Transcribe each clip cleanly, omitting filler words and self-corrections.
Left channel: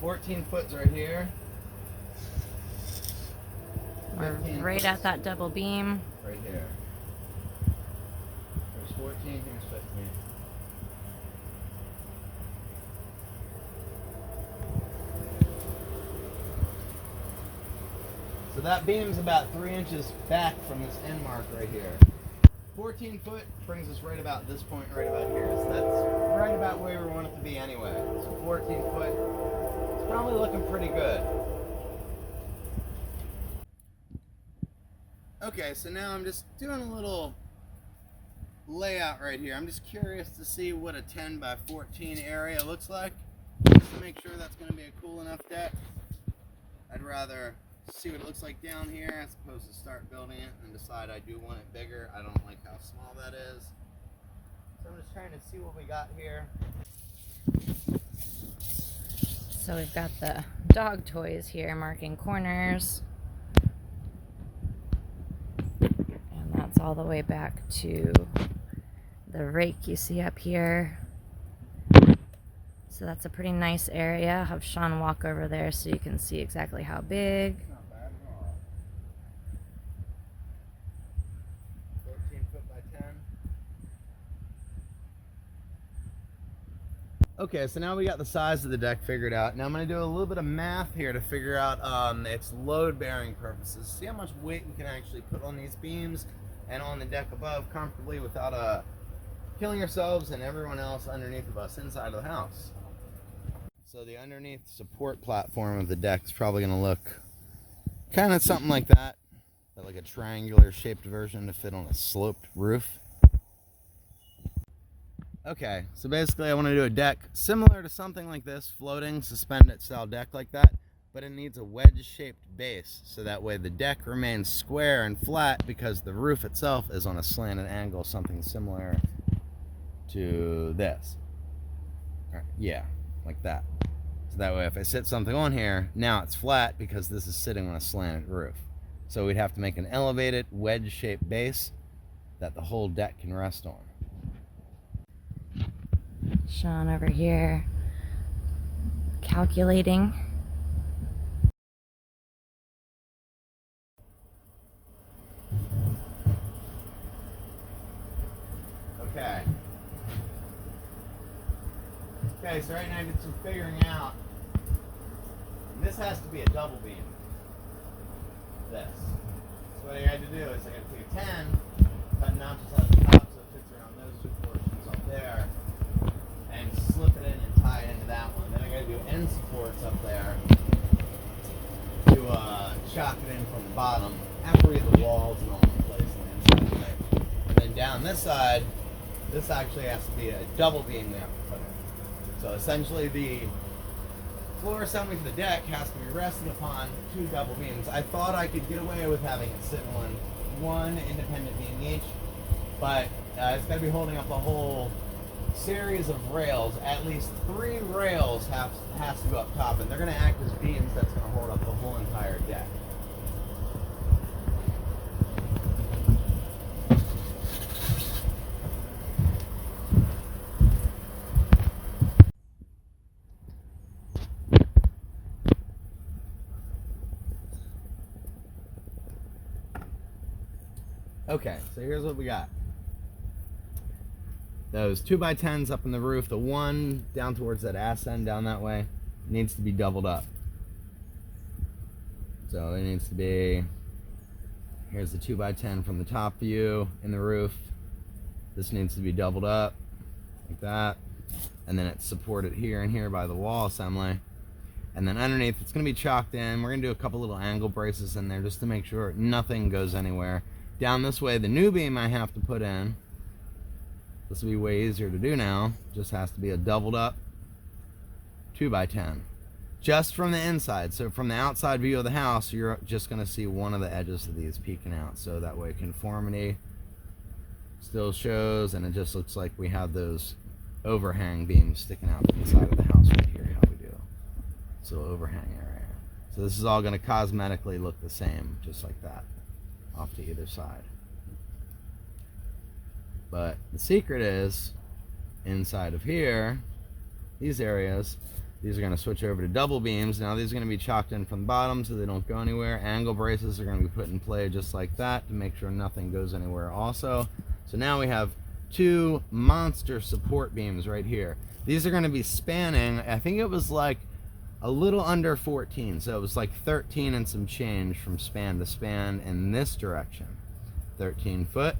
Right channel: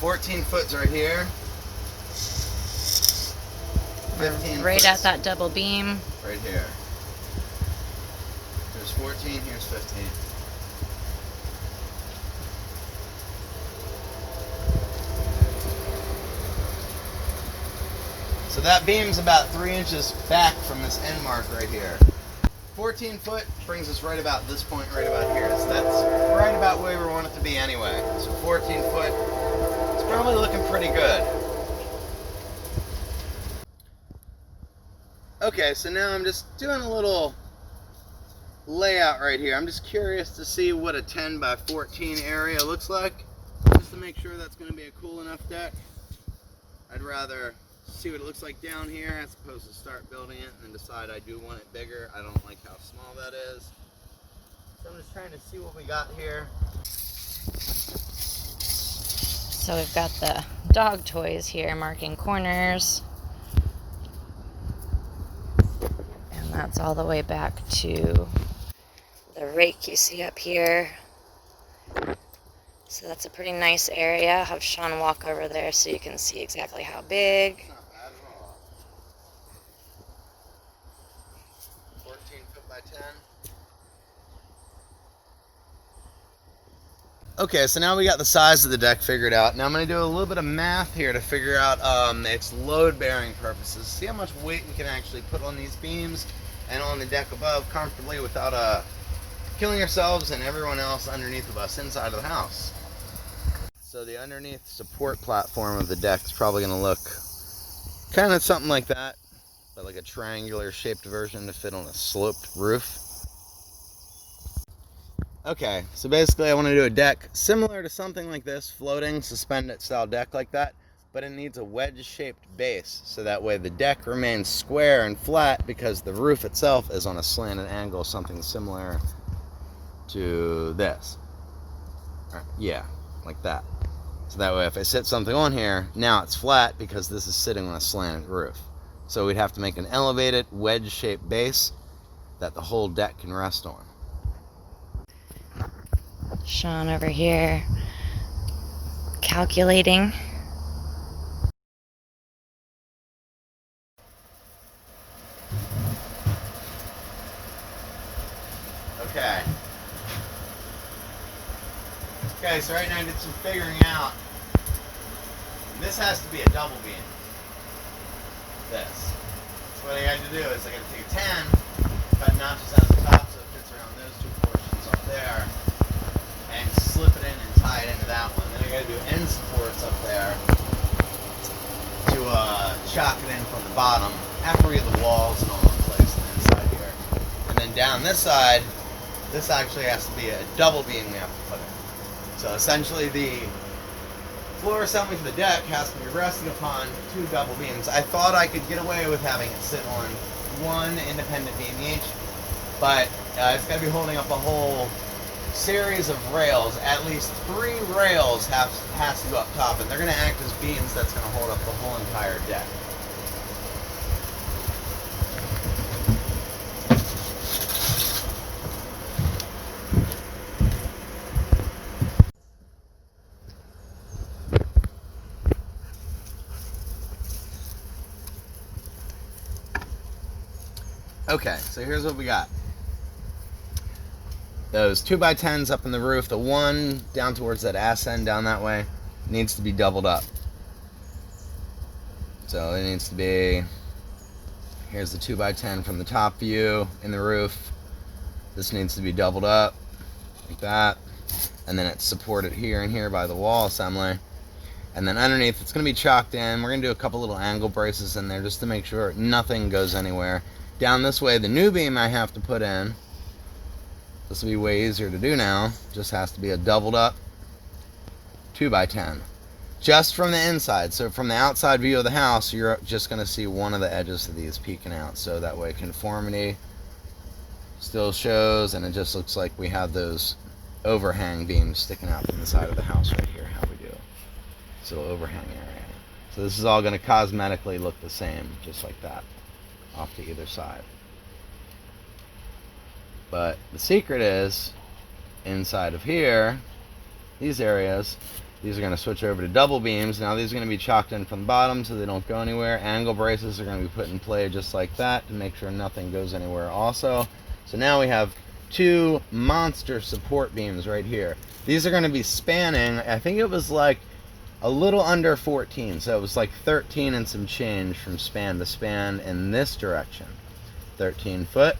14 foot's right here. We're right at that double beam. Right here. Here's 14, here's 15. So that beam's about 3 inches back from this end mark right here. 14 foot brings us right about this point, right about here. So that's right about where we want it to be anyway. So 14 foot, it's probably looking pretty good. Okay, so now I'm just doing a little layout right here. I'm just curious to see what a 10 by 14 area looks like, just to make sure that's going to be a cool enough deck. I'd rather see what it looks like down here as opposed to start building it and then decide I do want it bigger. I don't like how small that is. So I'm just trying to see what we got here. So we've got the dog toys here marking corners. And that's all the way back to the rake you see up here. So that's a pretty nice area. I'll have Sean walk over there so you can see exactly how big. It's not bad at all. 14 foot by 10. Okay, so now we got the size of the deck figured out. Now I'm going to do a little bit of math here to figure out its load-bearing purposes. See how much weight we can actually put on these beams and on the deck above comfortably without killing ourselves and everyone else underneath of us inside of the house. So the underneath support platform of the deck is probably going to look kind of something like that, but like a triangular shaped version to fit on a sloped roof. Okay, so basically I want to do a deck similar to something like this, floating, suspended style deck like that, but it needs a wedge-shaped base, so that way the deck remains square and flat because the roof itself is on a slanted angle, something similar to this. Yeah, like that. So that way if I sit something on here, now it's flat because this is sitting on a slanted roof. So we'd have to make an elevated wedge-shaped base that the whole deck can rest on. Sean over here calculating. Okay. Okay, so right now I did some figuring out. This has to be a double beam. This. So what I got to do is I got to take a 10, cut notches out the top so it fits around those two portions up there, and slip it in and tie it into that one. Then I got to do end supports up there to chock it in from the bottom after we get the walls and all in place on the inside here. And then down this side, this actually has to be a double beam we have to put in. So essentially the floor assembly for the deck has to be resting upon two double beams. I thought I could get away with having it sit on one independent beam each, but it's got to be holding up a whole series of rails. At least 3 rails has to go up top, and they're going to act as beams that's going to hold up the whole entire deck. Okay, so here's what we got. Those 2x10s up in the roof, the one down towards that ass end down that way, needs to be doubled up. So it needs to be, here's the 2x10 from the top view in the roof. This needs to be doubled up, like that. And then it's supported here and here by the wall assembly. And then underneath, it's going to be chalked in. We're going to do a couple little angle braces in there just to make sure nothing goes anywhere. Down this way, the new beam I have to put in, this will be way easier to do now, just has to be a doubled up 2x10. Just from the inside. So from the outside view of the house, you're just going to see one of the edges of these peeking out. So that way conformity still shows, and it just looks like we have those overhang beams sticking out from the side of the house right here, how we do. So overhang area. So this is all going to cosmetically look the same, just like that, off to either side. But the secret is, inside of here, these areas, These are going to switch over to double beams. Now these are going to be chalked in from the bottom so they don't go anywhere. Angle braces are going to be put in play just like that to make sure nothing goes anywhere also. So now we have two monster support beams right here. These are going to be spanning, I think it was like a little under 14. So it was like 13 and some change from span to span in this direction. 13 foot.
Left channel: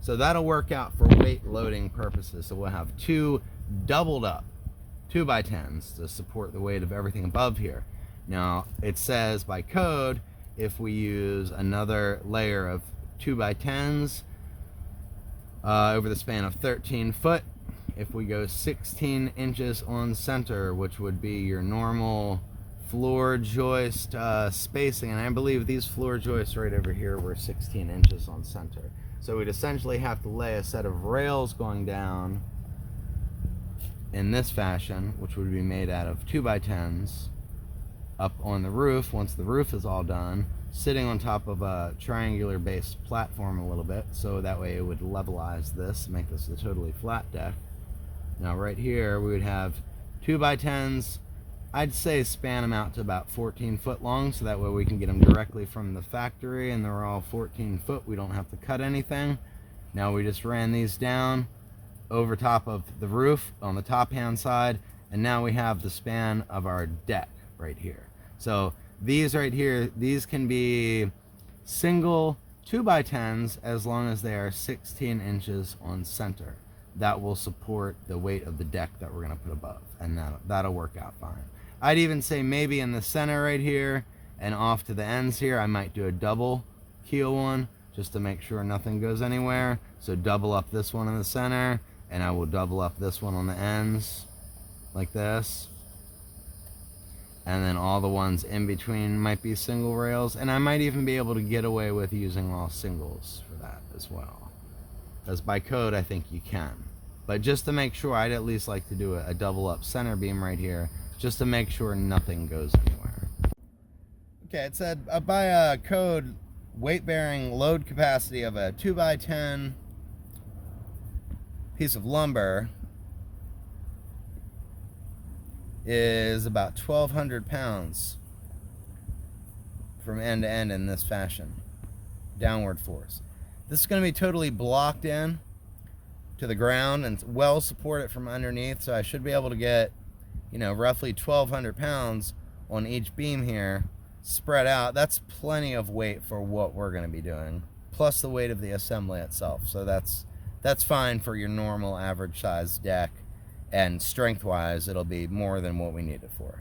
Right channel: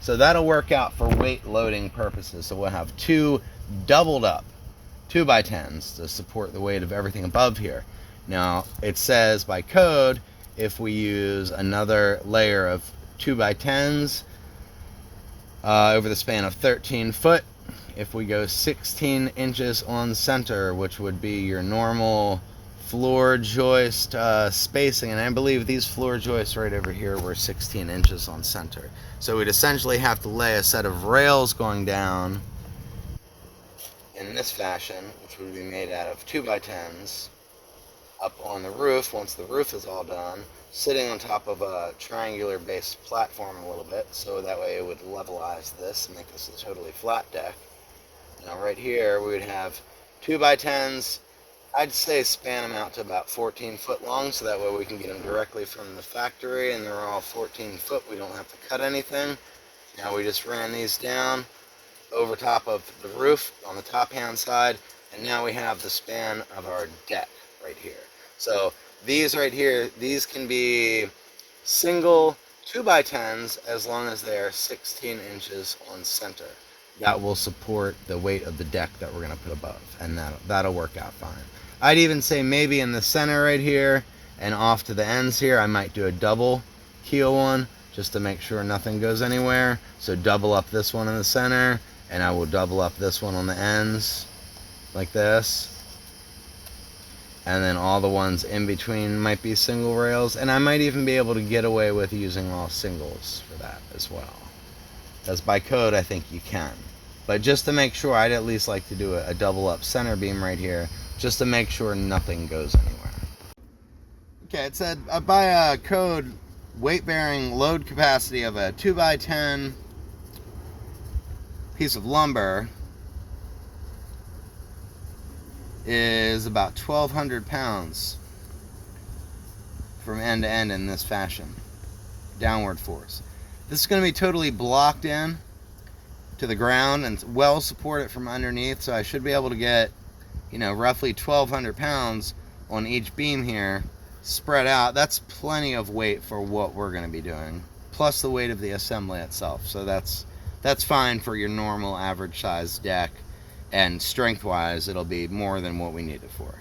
So that'll work out for weight loading purposes. So we'll have two doubled up 2x10s to support the weight of everything above here. Now it says by code, if we use another layer of 2x10s over the span of 13 foot, if we go 16 inches on center, which would be your normal floor joist spacing, and I believe these floor joists right over here were 16 inches on center. So we'd essentially have to lay a set of rails going down in this fashion, which would be made out of 2x10s, up on the roof once the roof is all done, sitting on top of a triangular based platform a little bit, so that way it would levelize this and make this a totally flat deck. Now right here we would have 2x10s, I'd say span them out to about 14 foot long, so that way we can get them directly from the factory and they're all 14 foot, we don't have to cut anything. Now we just ran these down over top of the roof on the top hand side, and now we have the span of our deck right here. So these right here, these can be single 2x10s as long as they are 16 inches on center. That will support the weight of the deck that we're going to put above, and that'll work out fine. I'd even say maybe in the center right here and off to the ends here, I might do a double keel one just to make sure nothing goes anywhere. So double up this one in the center, and I will double up this one on the ends like this, and then all the ones in between might be single rails, and I might even be able to get away with using all singles for that as well, because by code I think you can. But just to make sure, I'd at least like to do a double up center beam right here just to make sure nothing goes anywhere. Okay, it said by a code weight bearing load capacity of a 2x10 piece of lumber is about 1,200 pounds from end to end in this fashion, downward force. This is going to be totally blocked in to the ground and well supported from underneath, so I should be able to get, you know, roughly 1,200 pounds on each beam here spread out. That's plenty of weight for what we're going to be doing, plus the weight of the assembly itself. So that's fine for your normal average size deck, and strength wise it'll be more than what we need it for.